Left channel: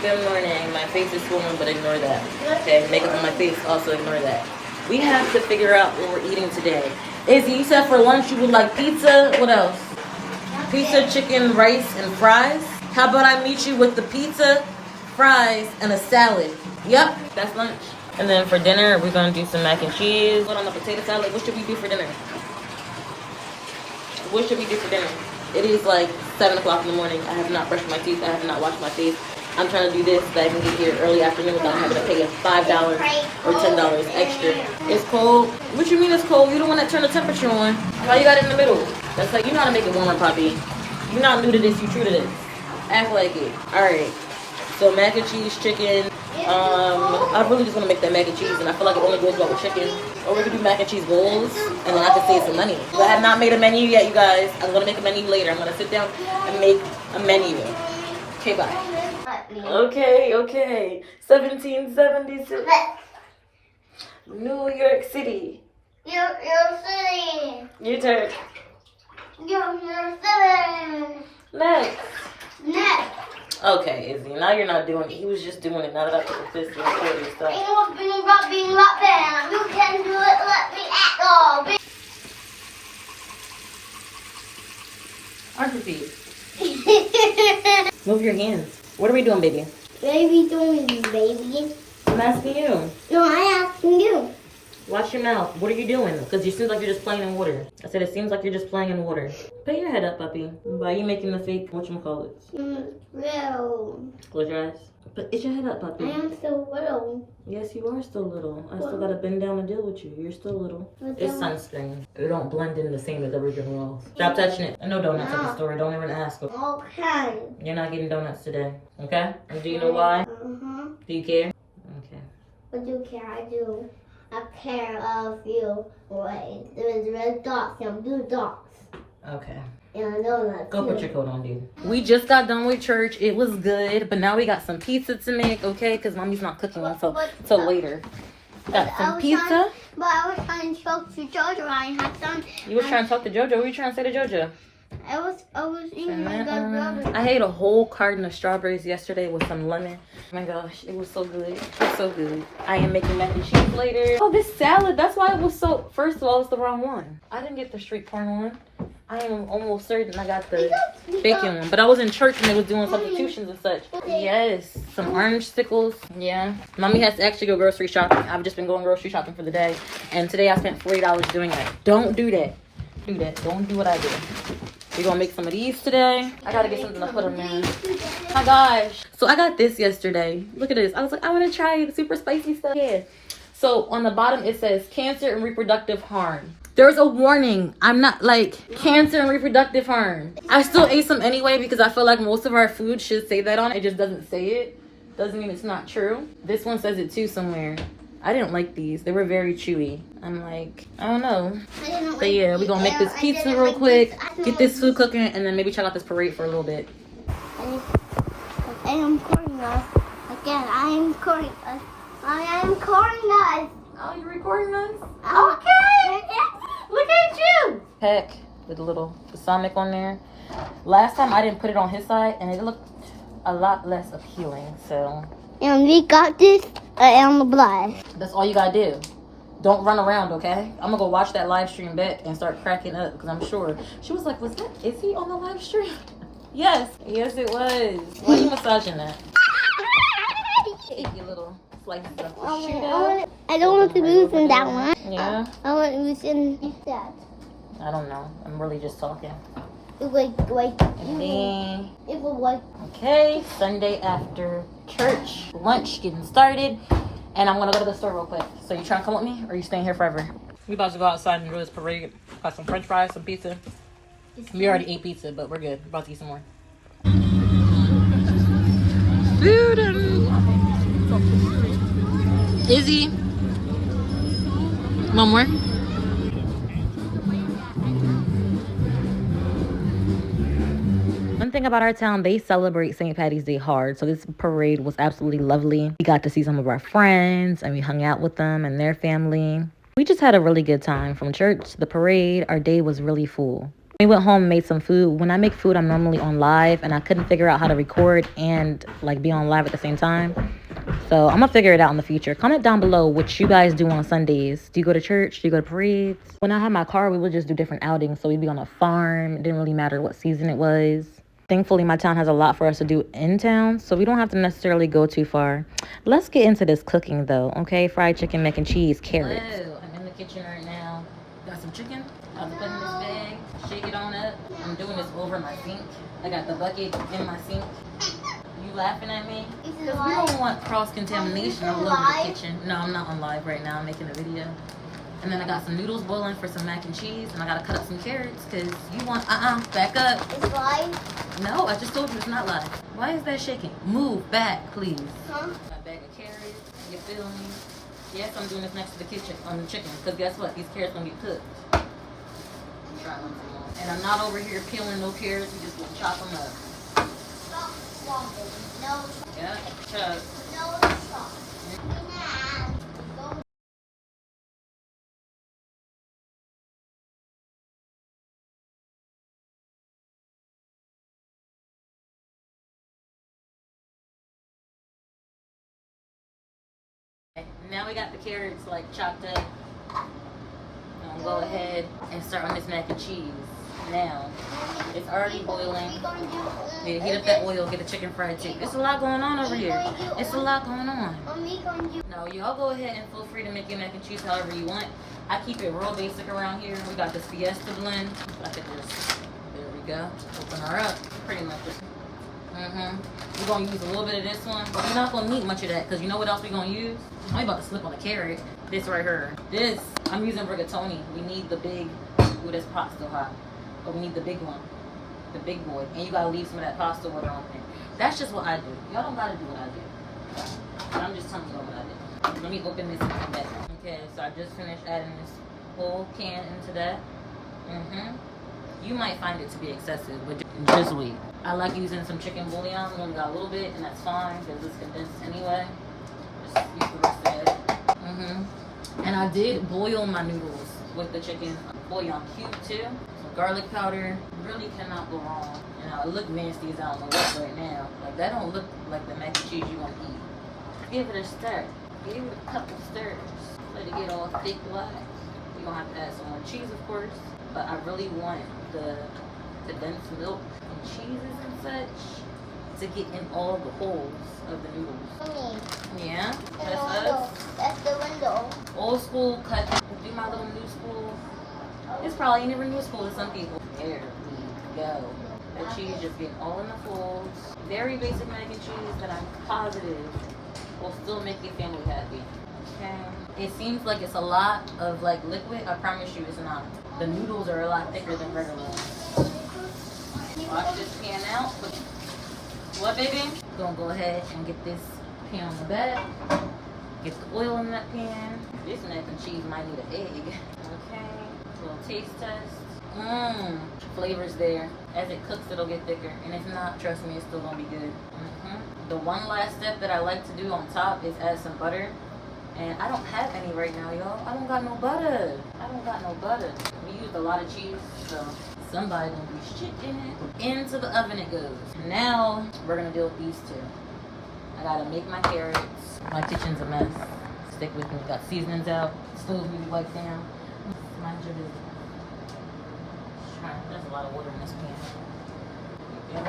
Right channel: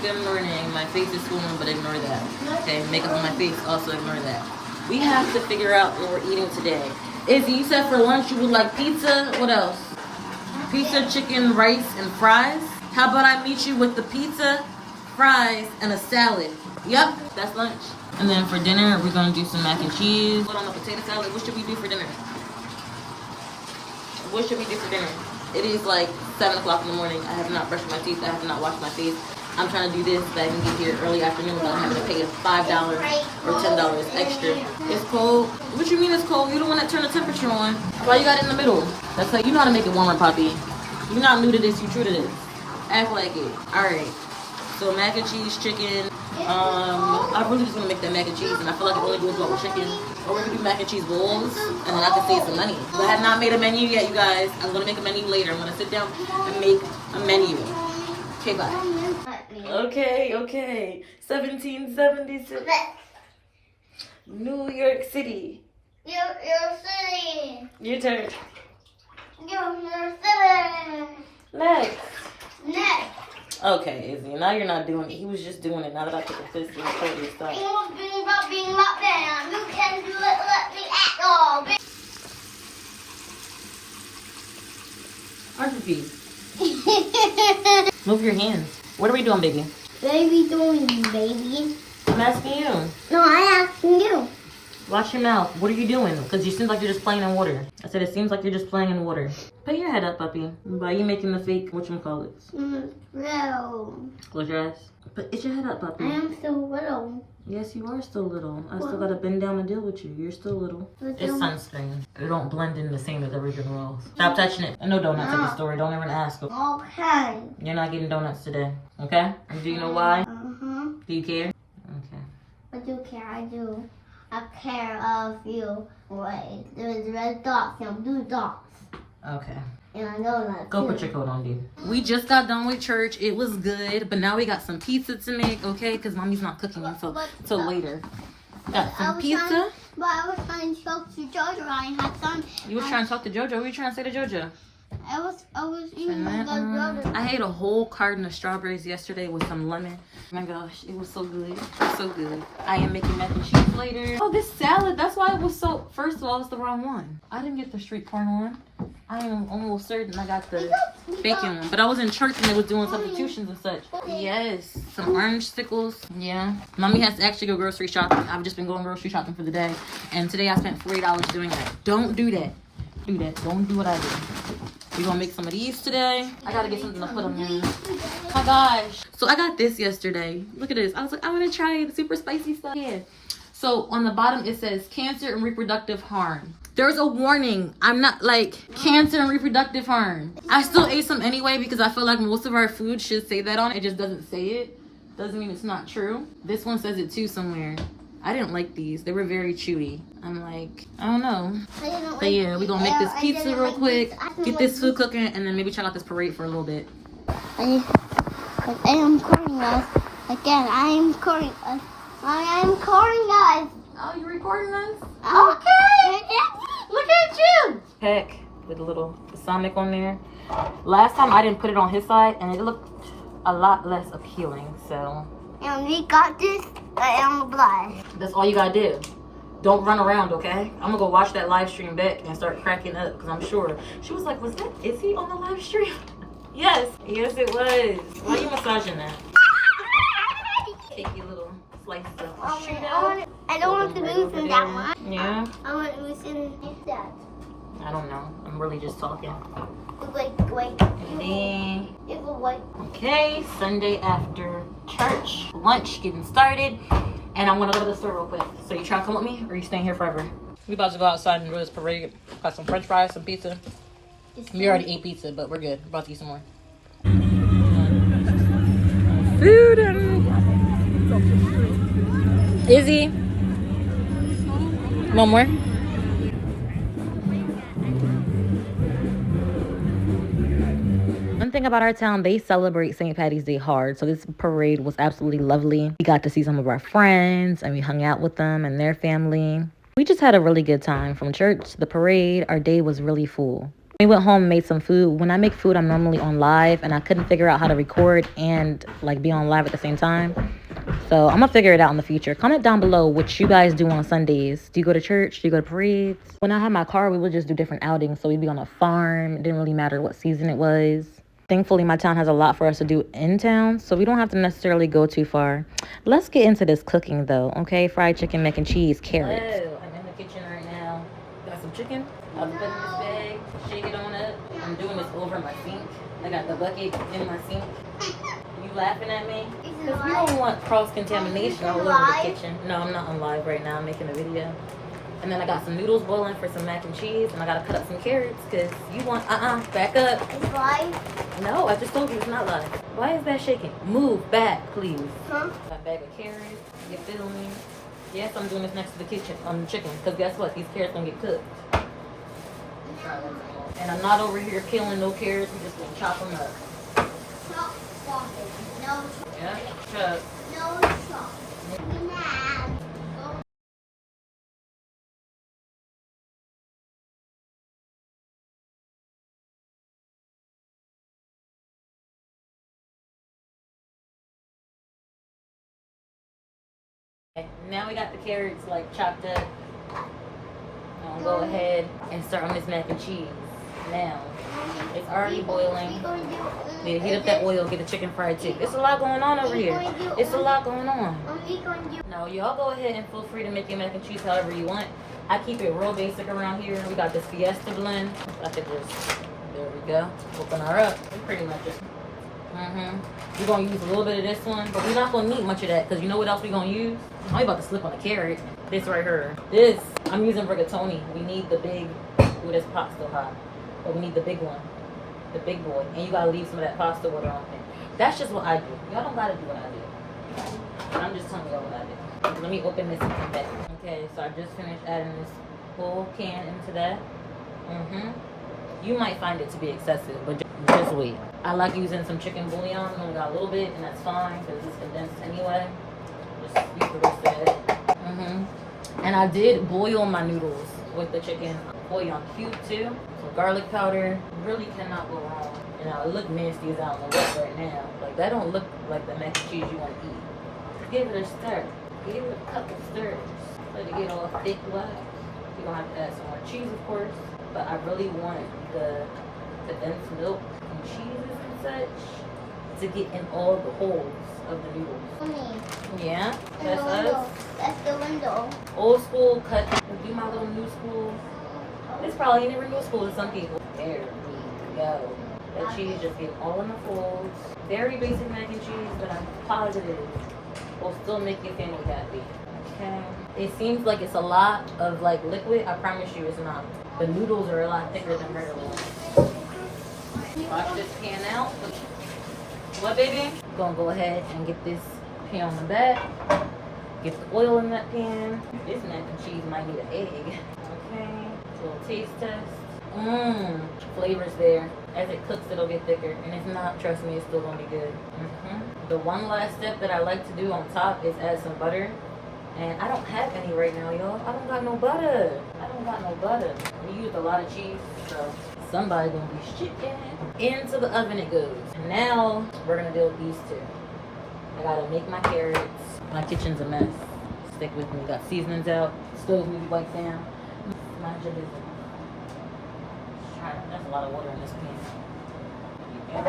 Good morning. My face is swollen, but ignore that. Okay, makeup on my face, also ignore that. We have to figure out what we're eating today. Izzy, you said for lunch you would like pizza. What else? Pizza, chicken, rice, and fries. How about I meet you with the pizza, fries, and a salad? Yep, that's lunch. And then for dinner, we're gonna do some mac and cheese. What on the potato salad? What should we do for dinner? What should we do for dinner? It is like 7 o'clock in the morning. I have not brushed my teeth. I have not washed my face. I'm trying to do this so I can get here early afternoon without having to pay a $5 or $10 extra. It's cold. What you mean it's cold? You don't want to turn the temperature on. Why you got it in the middle? That's like, you know how to make it warmer, Poppy. You're not new to this. You true to this. Act like it. All right. So mac and cheese, chicken. I really just want to make that mac and cheese, and I feel like it only goes well with chicken. Or we could do mac and cheese rolls, and then I could save some money. But I have not made a menu yet, you guys. I'm gonna make a menu later. I'm gonna sit down and make a menu. Okay, bye. Okay. 1776. New York City. You're sitting. Your turn. You're sitting. Next. Next. Okay, Izzy. Now you're not doing it. He was just doing it. Now that I took a fist to record it, stop. You can do it. Let me go. Arms repeat. Move your hands. What are we doing, baby? What are we doing, baby? I'm asking you. No, I asking you. Wash your mouth. What are you doing? Because you seem like you're just playing in water. I said it seems like you're just playing in water. Put your head up, puppy. Why are you making the fake whatchamacallits? Little. Close your eyes. But it's your head up, puppy. I am still little. Yes, you are still little. I still gotta bend down and deal with you. You're still little. It's sunscreen. It don't blend in the same as everything else. Stop touching it. No donuts in the store. Don't even ask them. Okay. You're not getting donuts today. Okay? And do you know why? Uh-huh. Do you care? Okay. What do you care? I do. I care of you. Wait, there's red dots and blue dots. Okay. And I know that Go too. put your coat on, dude. We just got done with church. It was good, but now we got some pizza to make, okay? Because mommy's not cooking until later. Got some pizza. But I was trying to talk to Jojo. I had some. You were trying to talk to JoJo. What were you trying to say to JoJo? I was eating the I ate a whole carton of strawberries yesterday with some lemon. Oh my gosh, it was so good. It was so good. I am making mac and cheese later. Oh, this salad. That's why it was so... First of all, it's the wrong one. I didn't get the street corn one. I am almost certain I got the bacon one. But I was in church and they was doing substitutions and such. Yes. Some orange stickles. Yeah. Mommy has to actually go grocery shopping. I've just been going grocery shopping for the day. And today I spent $40 doing that. Don't do that. Don't do what I do. We're gonna make some of these today. I gotta get something to put them in. Oh my gosh. So I got this yesterday. Look at this. I was like, I wanna try the super spicy stuff. Yeah. So on the bottom it says cancer and reproductive harm. There's a warning. I'm not like cancer and reproductive harm. I still ate some anyway because I feel like most of our food should say that on it. It just doesn't say it. Doesn't mean it's not true. This one says it too somewhere. I didn't like these. They were very chewy. I'm like, I don't know. But yeah, we're gonna make this pizza real quick, get this food cooking, and then maybe check out this parade for a little bit. I am recording us. Again, I am recording us. I am recording us. Oh, you're recording us? Okay. Look at you. Heck, with a little balsamic on there. Last time I didn't put it on his side, and it looked a lot less appealing, so. And we got this on the blood. That's all you gotta do. Don't run around, okay? I'm gonna go watch that live stream back and start cracking up because I'm sure. She was like, is he on the live stream? Yes it was. Why are you massaging that? Take your little slices of prosciutto. I don't want to loosen that one. Yeah? I want to loosen that. I don't know. I'm really just talking. Like, And it was like. okay, Sunday after church, lunch getting started. And I'm gonna go to the store real quick. So you trying to come with me or are you staying here forever? We about to go outside and do this parade. Got some french fries, some pizza. We already ate pizza, but we're good. We're about to eat some more. Food and... Izzy. One more. One thing about our town, they celebrate St. Patty's Day hard. So this parade was absolutely lovely. We got to see some of our friends and we hung out with them and their family. We just had a really good time. From church to the parade, our day was really full. We went home and made some food. When I make food, I'm normally on live, and I couldn't figure out how to record and like be on live at the same time. So I'm gonna figure it out in the future. Comment down below what you guys do on Sundays. Do you go to church? Do you go to parades? When I had my car, we would just do different outings. So we'd be on a farm. It didn't really matter what season it was. Thankfully, my town has a lot for us to do in town, so we don't have to necessarily go too far. Let's get into this cooking though, okay? Fried chicken, mac and cheese, carrots. Hello, I'm in the kitchen right now. Got some chicken. I was putting this bag, shake it on up. I'm doing this over my sink. I got the bucket in my sink. You laughing at me? Because we don't want cross-contamination all over the kitchen. No, I'm not on live right now. I'm making a video. And then I got some noodles boiling for some mac and cheese. And I got to cut up some carrots because you want... back up. It's live? No, I just told you it's not live. Why is that shaking? Move back, please. Huh? My bag of carrots. You feel me? Yes, I'm doing this next to the kitchen on the chicken. Because guess what? These carrots going to get cooked. And I'm not over here peeling no carrots. We just going to chop them up. No. Yeah, chop. No chop. Now we got the carrots like chopped up. I'm gonna go ahead and start on this mac and cheese. Now, it's already boiling. Yeah, heat up that oil, get the chicken fried chicken. There's a lot going on over here. It's a lot going on. Now, y'all go ahead and feel free to make your mac and cheese however you want. I keep it real basic around here. We got this Fiesta blend. I could just, there we go. Open her up. We pretty much just, we're gonna use a little bit of this one, but we're not gonna need much of that because you know what else we're gonna use? Oh, you about to slip on a carrot. This right here. This, I'm using rigatoni. We need the big, ooh, this pot's still hot. But we need the big one, the big boy. And you gotta leave some of that pasta water on there. That's just what I do. Y'all don't gotta do what I do. I'm just telling y'all what I do. Let me open this and come back. Okay, so I just finished adding this whole can into that. You might find it to be excessive, but just wait. I like using some chicken bouillon. We only got a little bit, and that's fine because it's condensed anyway. Just use the rest of it. And I did boil my noodles with the chicken bouillon cube too. Some garlic powder. Really cannot go wrong. You know, it look nasty as I don't know what right now. Like that don't look like the mac and cheese you want to eat. Give it a stir. Give it a couple stirs. Let it get all thick black. You're gonna have to add some more cheese, of course. But I really want the condensed milk and cheeses and such to get in all the holes of the noodles. Mommy. Yeah, that's us. That's the window. Old school cut. Do my little new school. It's probably never new school to some people. There we go. That cheese just get all in the folds. Very basic mac and cheese, but I'm positive will still make your family happy. Okay. It seems like it's a lot of like liquid. I promise you it's not. The noodles are a lot thicker than regular ones. Wash this pan out. What, baby? Gonna go ahead and get this pan on the back. Get the oil in that pan. This mac and cheese might need an egg. Okay. Little taste test. Flavor's there. As it cooks, it'll get thicker. And if not, trust me, it's still gonna be good. The one last step that I like to do on top is add some butter. And I don't have any right now, y'all. I don't got no butter. We used a lot of cheese, so somebody gonna be chicken. Into the oven it goes. And now we're gonna deal with these two. I gotta make my carrots. My kitchen's a mess. Stick with me. Got seasonings out. Stove need to be wiped down. Mind your business. There's a lot of water in this pan.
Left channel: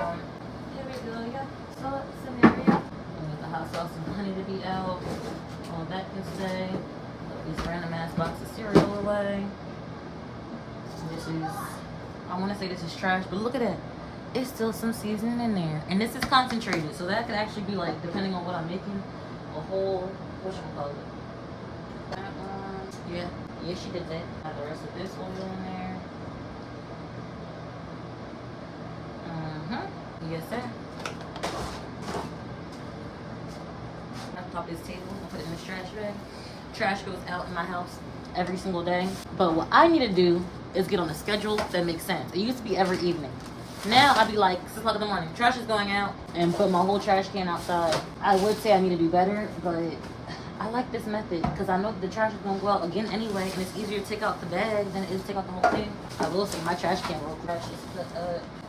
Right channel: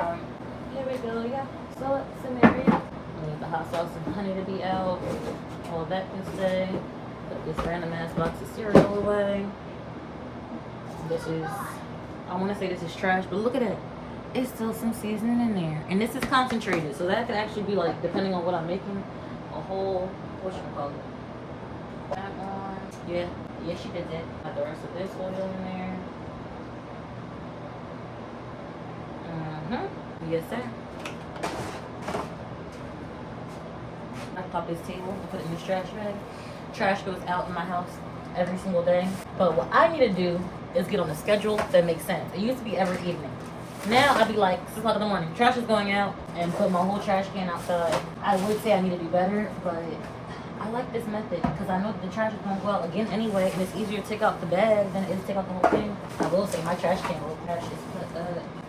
There we go, yeah. So scenario. I need the hot sauce and honey to be out. All that can stay. Put this random ass box of cereal away. This is, I want to say this is trash, but look at it. It's still some seasoning in there. And this is concentrated, so that could actually be like, depending on what I'm making, a whole, what should I call it? Yeah, she did that. Add the rest of this oil in there. Yes, sir. I pop this table and put it in this trash bag. Trash goes out in my house every single day. But what I need to do is get on a schedule that makes sense. It used to be every evening. Now I'll be like 6 o'clock in the morning. Trash is going out and put my whole trash can outside. I would say I need to do better, but I like this method because I know the trash is gonna go out again anyway, and it's easier to take out the bag than it is to take out the whole thing. I will say my trash can was trash.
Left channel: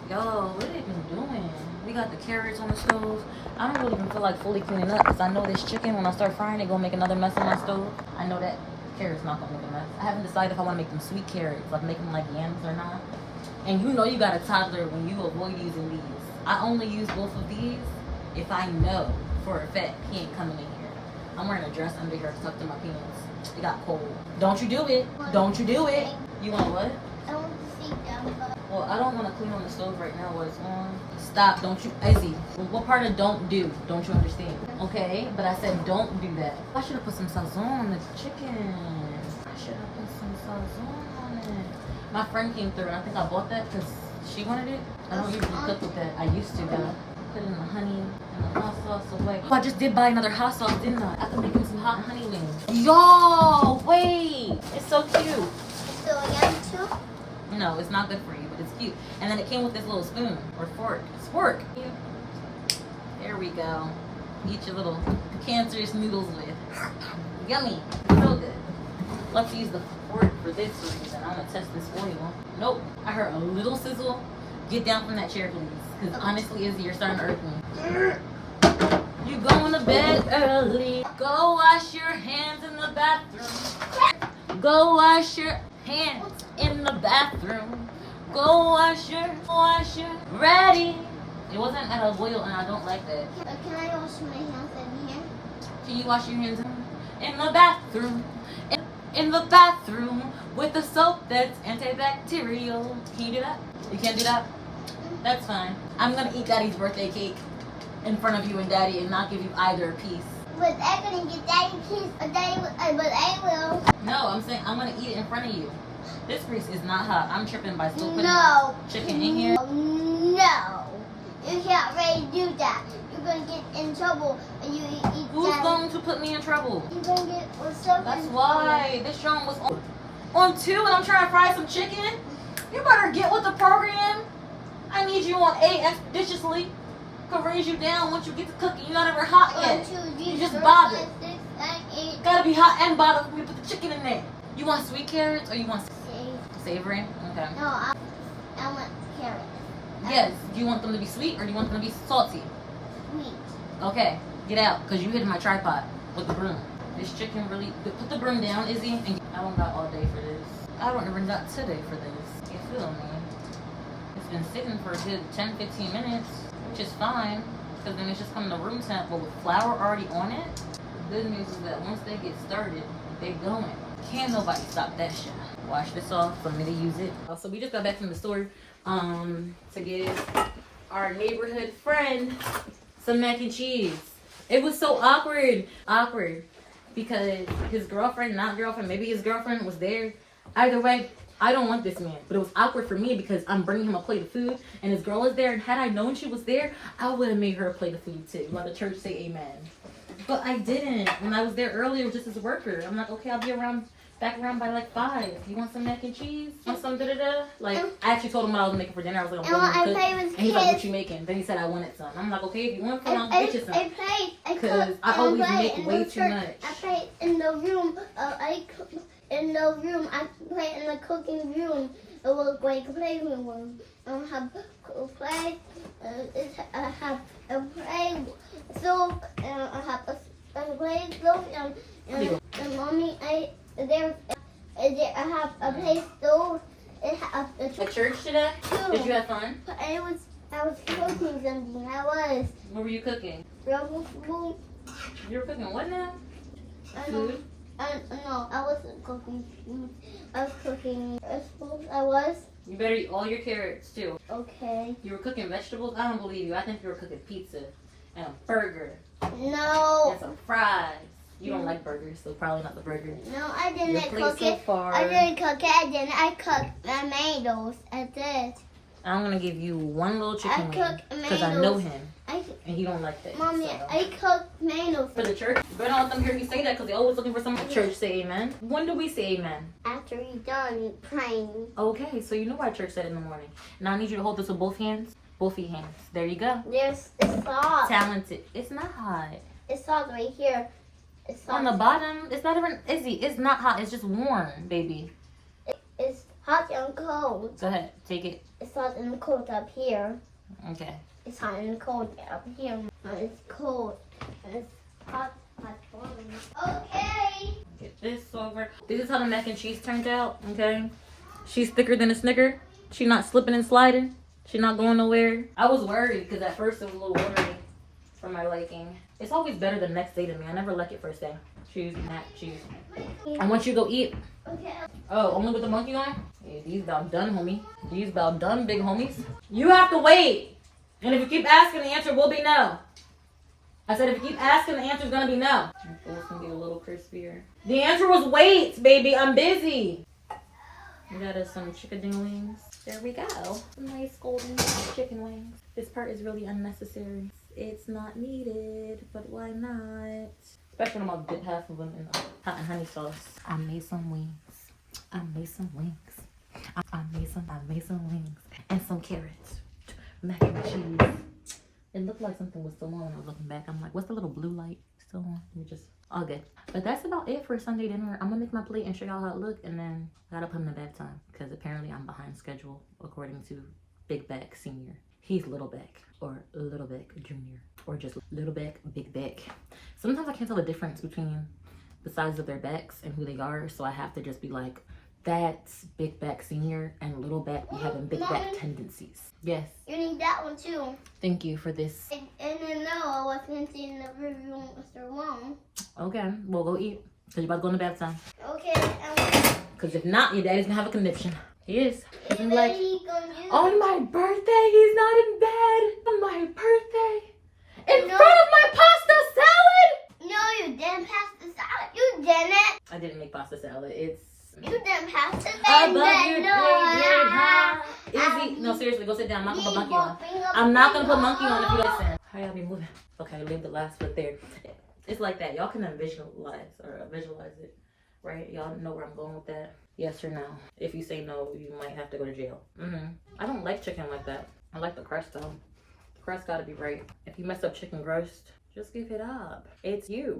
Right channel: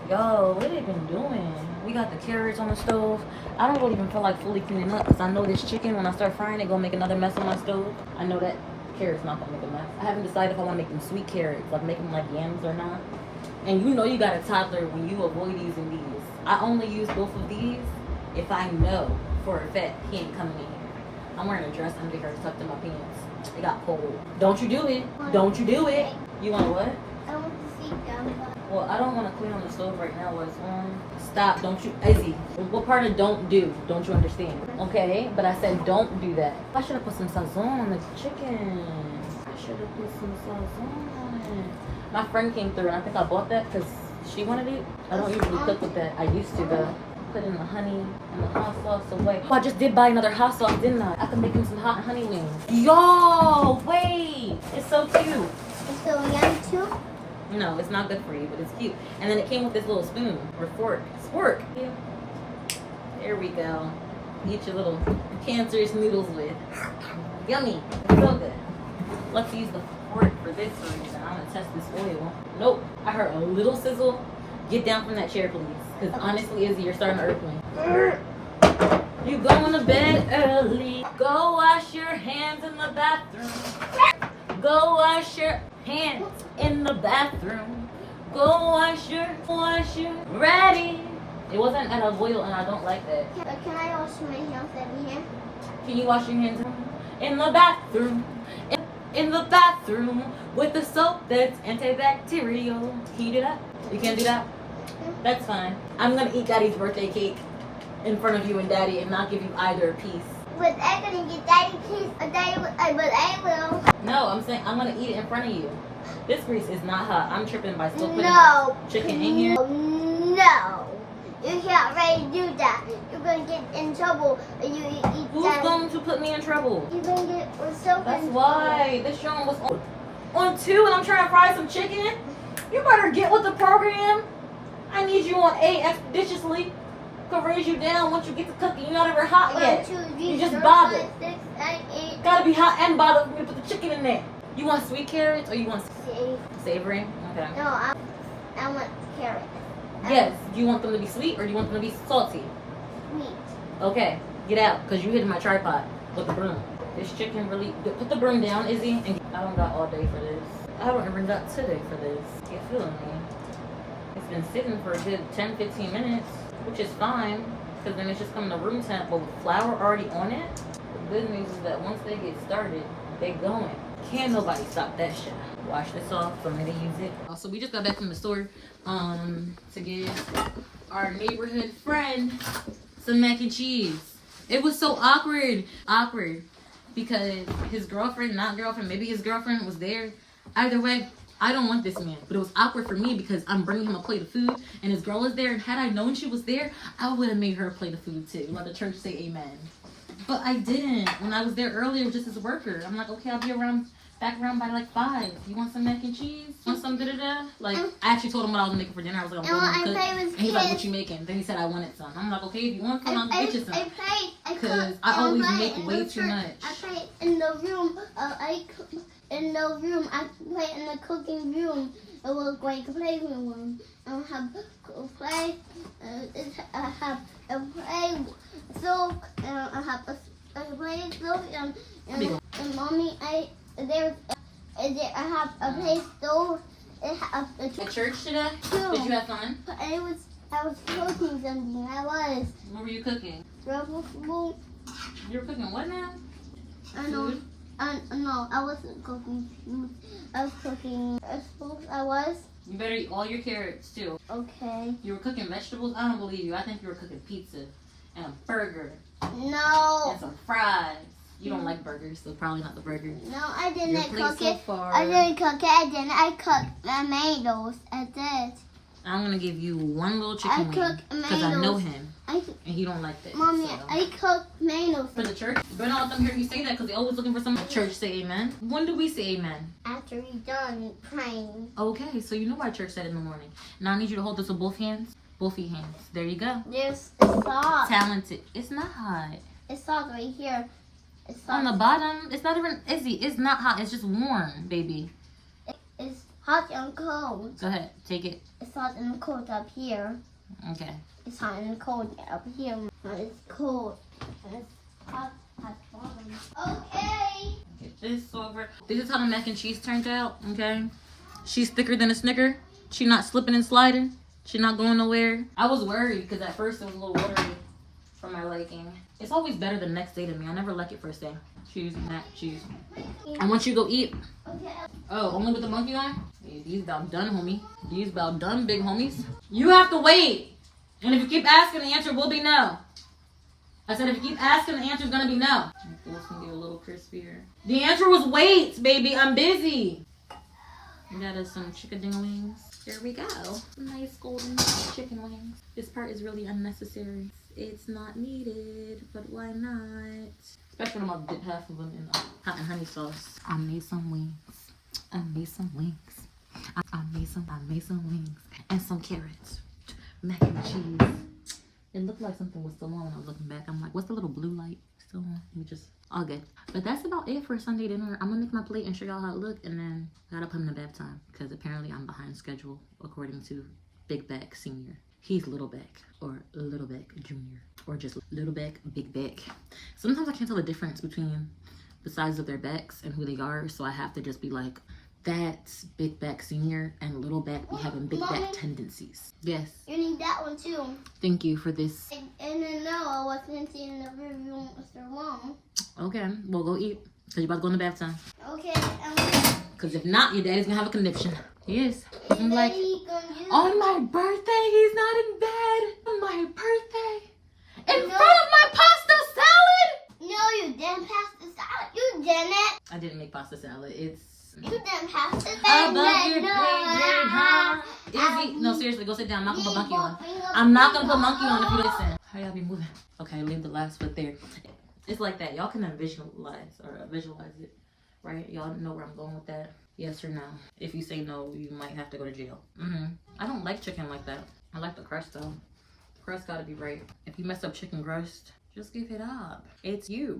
Yo, what have they been doing? We got the carrots on the stove. I don't really even feel like fully cleaning up because I know this chicken, when I start frying it, gonna make another mess on my stove. I know that carrots not gonna make a mess. I haven't decided if I want to make them sweet carrots, like make them like yams or not. And you know you got a toddler when you avoid using these. I only use both of these if I know for a fact he ain't coming in here. I'm wearing a dress under here tucked in my pants. It got cold. Don't you do it. Don't you do it. You want what? I want to see them. Well, I don't want to clean on the stove right now while it's on. Stop. Don't you. Izzy, what part of don't do? Don't you understand? Okay? But I said don't do that. I should have put some sazon on the chicken. I should have put some sazon on it. My friend came through and I think I bought that because she wanted it. I don't usually cook with that. I used to though. Put in the honey and the hot sauce away. Oh, I just did buy another hot sauce, didn't I? I could make him some hot honey wings. Yo, wait. It's so cute. It's so young too. No, it's not good for you, but it's cute. And then it came with this little spoon or fork. Fork. Yeah. There we go. Eat your little cancerous noodles with. Yummy. It's so good. Let's use the fork for this reason. I'm gonna test this oil. Nope. I heard a little sizzle. Get down from that chair, please. Because honestly, Izzy, you're starting to irk me. You going to bed early. Go wash your hands in the bathroom. Go wash your hands in the bathroom. Go wash your ready. It wasn't at a boil and I don't like that. But can I wash my hands in here? Can you wash your hands in the bathroom? In the bathroom with the soap that's antibacterial. Can you do that? You can't do that? That's fine. I'm gonna eat Daddy's birthday cake in front of you and Daddy and not give you either a piece. But I'm gonna get Daddy piece. But I will. No, I'm saying I'm gonna eat it in front of you. This grease is not hot. I'm tripping by still putting No. chicken in here. No. You can't really do that. You're gonna get in trouble if you eat Who's that. going to put me in trouble? You're gonna get yourself That's in why this drum was on 2 and I'm trying to fry some chicken. You better get with the program. I need you on 8 expeditiously. Can raise you down once you get to cooking. You're not even hot yet. You just bothered. Gotta be hot and bothered for me to put the chicken in there. You want sweet carrots or you want savory? Okay. No, I want carrots. Yes. Do you want them to be sweet or do you want them to be salty? Sweet. Okay. Get out, because you hit my tripod with the broom. This chicken really... Put the broom down, Izzy. And I don't got all day for this. I don't even got today for this. You feel me? It's been sitting for a good 10-15 minutes, which is fine, because then it's just coming to room temp, but with flour already on it. The good news is that once they get started, they going. Can't nobody stop that shit. Wash this off for me to use it. So we just got back from the store to give our neighborhood friend some mac and cheese. It was so awkward, because his girlfriend, maybe his girlfriend was there. Either way, I don't want this man. But it was awkward for me because I'm bringing him a plate of food and his girl is there. And had I known she was there, I would have made her a plate of food too. Let the church say amen. But I didn't. When I was there earlier just as a worker, I'm like, okay, I'll be back around by like 5. You want some mac and cheese? Want some da-da-da? Like, I actually told him what I was making for dinner. I was like, I'm going to cook. And he's like, what you making? Then he said I wanted some. I'm like, okay, if you want some, I'll get you some. Because I always make way too much. I play in the room. I play in the cooking room. It was like a playroom. I have a play. I have a play stove. And I have a play stove. And mommy, I have a play stove. It has At church today? Did you have fun? I was cooking something. What were you cooking? Rubble spoon. You were cooking what now? Food? No, I wasn't cooking food. I was cooking vegetables. You better eat all your carrots too. Okay. You were cooking vegetables? I don't believe you. I think you were cooking pizza and a burger No. and some fries. You don't like burgers, so probably not the burger. No, I didn't Your plate cook so it. far. I didn't cook it. I cooked tomatoes. I did. I'm gonna give you one little chicken wing cooked because I know tomatoes. him And he don't like that. Mommy, so. I cooked tomatoes. For the church, you better not let them hear you say that because they're always looking for someone. The church say amen. When do we say amen? After you're done praying. Okay, so you know why church said in the morning. Now I need you to hold this with both hands. Both of your hands. There you go. It's hot. Talented. It's not hot. It's hot right here. It's On the hot. bottom, it's not even, Izzy, it's not hot. It's just warm, baby. It's hot and cold. Go ahead, take it. It's hot and cold up here. Okay. It's hot and cold up here. And it's cold. And it's hot at bottom. Okay. Get this over. This is how the mac and cheese turned out, okay? She's thicker than a Snicker. She not slipping and sliding. She not going nowhere. I was worried because at first it was a little watery for my liking. It's always better the next day to me. I never like it first day. Cheese, mac, cheese. And once you go eat, Okay. oh, only with the monkey on? Yeah, these about done, homie. These about done, big homies. You have to wait. And if you keep asking, the answer will be no. I said if you keep asking, the answer's gonna be no. This can get a little crispier. The answer was wait, baby. I'm busy. We got us some chicken wings. There we go. Some nice golden chicken wings. This part is really unnecessary. It's not needed, but why not? Especially when I'm gonna dip half of them in hot and honey sauce. I made some wings. I made some wings. I made some wings and some carrots, mac and cheese. It looked like something was still on when I was looking back. I'm like, what's the little blue light still on? Let me just, all good. But that's about it for Sunday dinner. I'm gonna make my plate and show y'all how it look, and then I gotta put him to bed time because apparently I'm behind schedule according to Big Back Senior. He's Little Back or Little Back Junior or just Little Back, Big Back. Sometimes I can't tell the difference between the size of their backs and who they are, so I have to just be like, that's Big Back Senior and Little Back be having big back tendencies. Yes. You need that one too. Thank you for this. And then no, I wasn't in the room with Mr. Long. Okay, well go eat. Cause you about to go in the bathroom. Okay. Cause if not, your daddy's gonna have a conniption. He is. I'm And like, then he gonna do on my birthday, he's not in bed. On my birthday. In No. front of my pasta salad. No, you didn't pass the salad. You didn't. I didn't make pasta salad. It's You didn't pass the salad. above your pay grade, huh? Izzy, no, seriously, go sit down. I'm not gonna put monkey on. I'm not gonna put monkey on if you listen. How y'all be moving? Okay, leave the last foot there. It's like that. Y'all can visualize it, right? Y'all know where I'm going with that. Yes or no? If you say no, you might have to go to jail. I don't like chicken like that. I like the crust though. The crust gotta be right. If you mess up chicken crust, just give it up. It's you.